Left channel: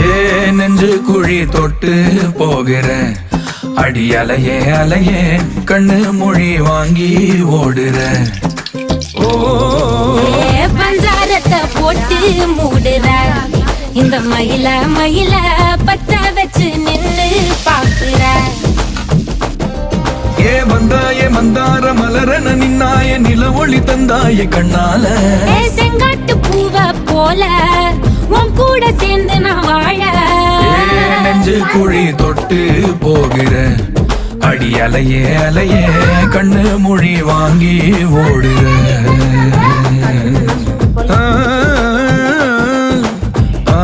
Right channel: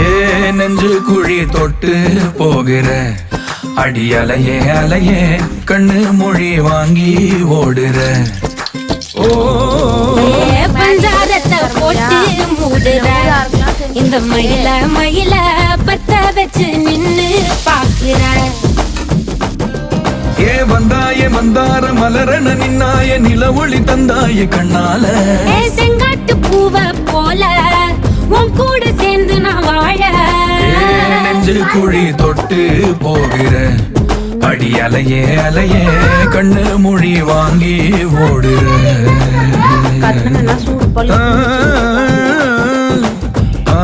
ஏ நெஞ்சு குழி தொட்டு போகிற அடி அலையே அலையே கண்ணு மொழி வாங்கி ஓடுற. ஓ பஞ்சாரத்தை போட்டு மூடுற இந்த மயில மயில பத்த வச்சு நின்னு பாக்குற. ஏ வந்தாய மந்தார மலரன நின்னாய நில ஒளி தந்தாய கண்ணால. செங்காட்டு பூவ போல உன் கூட சேர்ந்து நான் வாழ. நெஞ்சு குழி தொட்டு போகிற அடி அலையே அலையே கண்ணு மொழி வாங்கி ஓடுற. ஆ ஆ